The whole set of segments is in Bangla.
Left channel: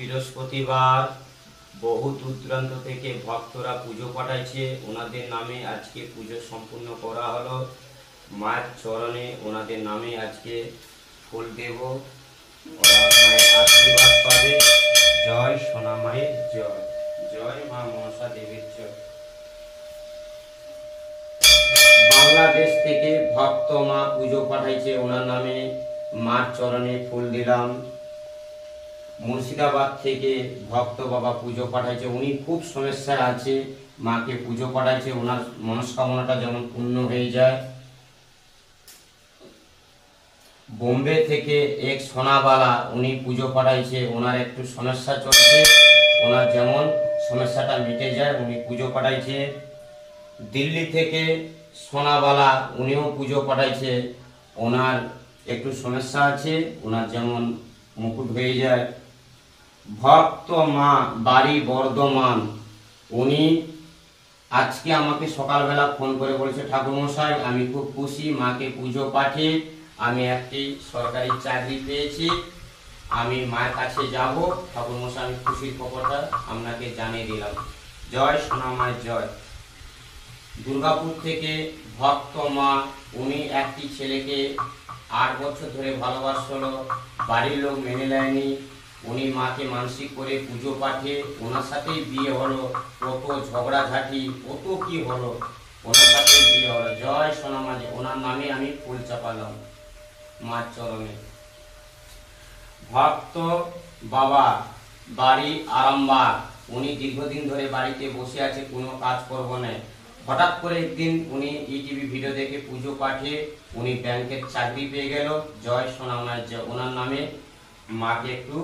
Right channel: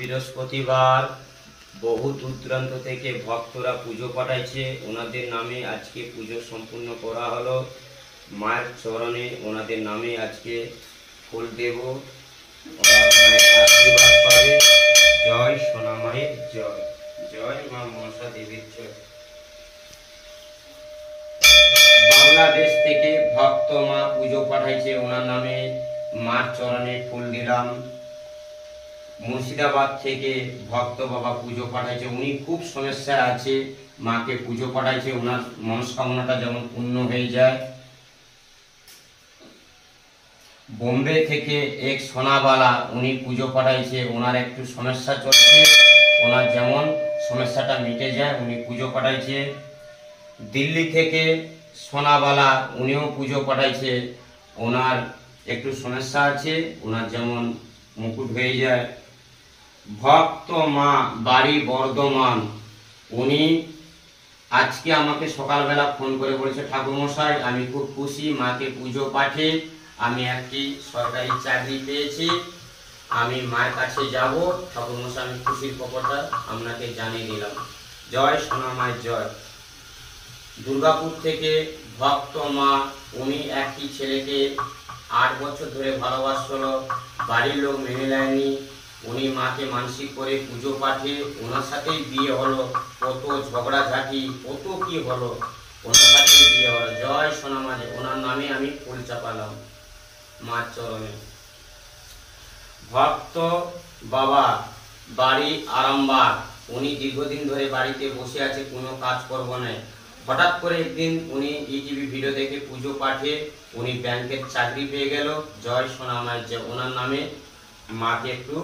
বৃহস্পতিবার বহু দূর দূরান্ত থেকে ভক্তরা পুজো পাঠাইছে। ওনাদের নামে আজকে পুজো সম্পূর্ণ করা হলো। মায়ের চরণে ওনাদের নামে আজকে ফুল দেব, ওরা মায়ের আশীর্বাদ পাবে। জয় সোনা মায়ের জয়, জয় মা মনসা দেবীর জয়। বাংলাদেশ থেকে ভক্ত মা পুজো পাঠাইছে, ওনার নামে মার চরণে ফুল দিলাম। মুর্শিদাবাদ থেকে ভক্ত বাবা পুজো পাঠাইছে, উনি খুব সমস্যায় আছে, মাকে পুজো পাঠাইছে, ওনার মনস্কামনাটা যেমন পূর্ণ হয়ে যায়। বোম্বে থেকে এক সোনাবালা উনি পুজো পাঠাইছে, ওনার একটু সমস্যা চলছে, ওনার যেমন সমস্যাটা মিটে যায় উনি পুজো পাঠাইছে। দিল্লি থেকে সোনাবালা উনিও পুজো পাঠাইছে, ওনার একটু সমস্যা আছে, ওনার যেমন মুকুট হয়ে যায়। ভক্ত মা বাড়ি বর্ধমান, উনি আজকে আমাকে সকালবেলা ফোন করে বলেছে, ঠাকুরমশাই আমি খুব খুশি, মাকে পুজো পাঠিয়ে আমি একটি সরকারি চাকরি পেয়েছি, আমি মায়ের কাছে যাব। ঠাকুরমশাই আমি খুশির খবরটা আপনাকে জানিয়ে দিলাম। জয় সোনা মায়ের জয়। দুর্গাপুর থেকে ভক্ত মা, উনি একটি ছেলেকে 8 বছর ধরে ভালোবাসল, বাড়ির লোক মেনে নেয়নি, উনি মাকে মানসিক করে পুজো পাঠে, ওনার সাথেই বিয়ে হলো, কত ঝগড়াঝাটি কত কি হলো, ওনার সাথেই বিয়ে হলো। জয় সোনা মা, ওনার নামে আমি ফুল চাপালাম মার চরণে। ভক্ত বাবা বাড়ি আরামবাগ, উনি দীর্ঘদিন ধরে বাড়িতে বসে আছে, কোনো কাজ করবো না। হঠাৎ করে একদিন উনি ইটিভি ভিডিও দেখে পুজো পাঠে উনি ব্যাংকের চাকরি পেয়ে গেল। জয় সোনা মায়ের জয়। ওনার নামে মাকে একটু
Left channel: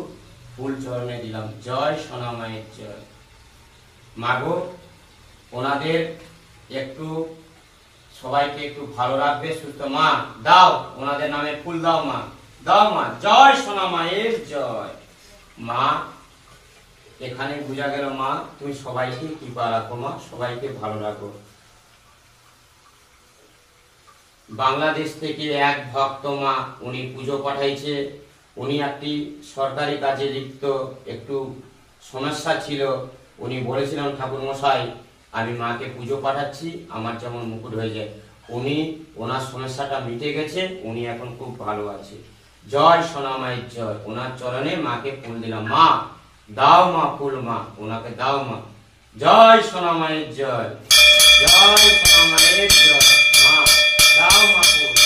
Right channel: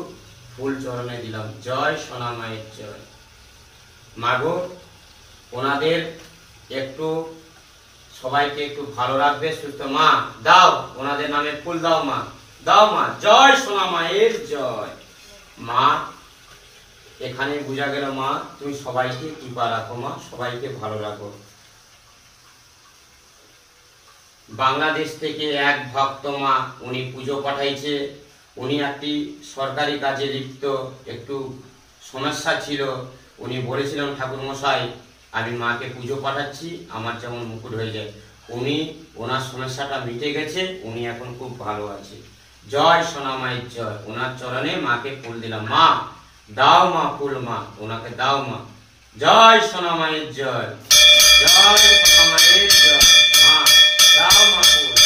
ফুল চরণে দিলাম। জয় সোনা মায়ের জয়। মাগো ওনাদের একটু সবাইকে একটু ভালো রাখবে, সুস্থ। মা দাও, ওনাদের নামে ফুল দাও, মা দাও, মা। জয় সোনা মায়ের জয়। মা এখানে বোঝা গেল মা তুমি সবাইকে কৃপা রাখো, মা সবাইকে ভালো রাখো। বাংলাদেশ থেকে এক ভক্ত মা উনি পুজো পাঠাইছে, উনি একটি সরকারি কাজে লিপ্ত, একটু সমস্যা ছিল, উনি বলেছিলাম ঠাকুরমশাই আমি মাকে পুজো পাঠাচ্ছি, আমার যেমন মুকুট হয়ে যায়। উনি ওনার সমস্যাটা মিটে গেছে, উনি এখন খুব ভালো আছে। জয় সোনা মায়ের জয়। ওনার চরণে মাকে ফুল দিলাম। মা দাও মা ফুল, মা ওনাকে দাও, মা। জয় সোনা মায়ের জয়, জয় সোনা মায়ের জয়। মা দাও মা ফুল।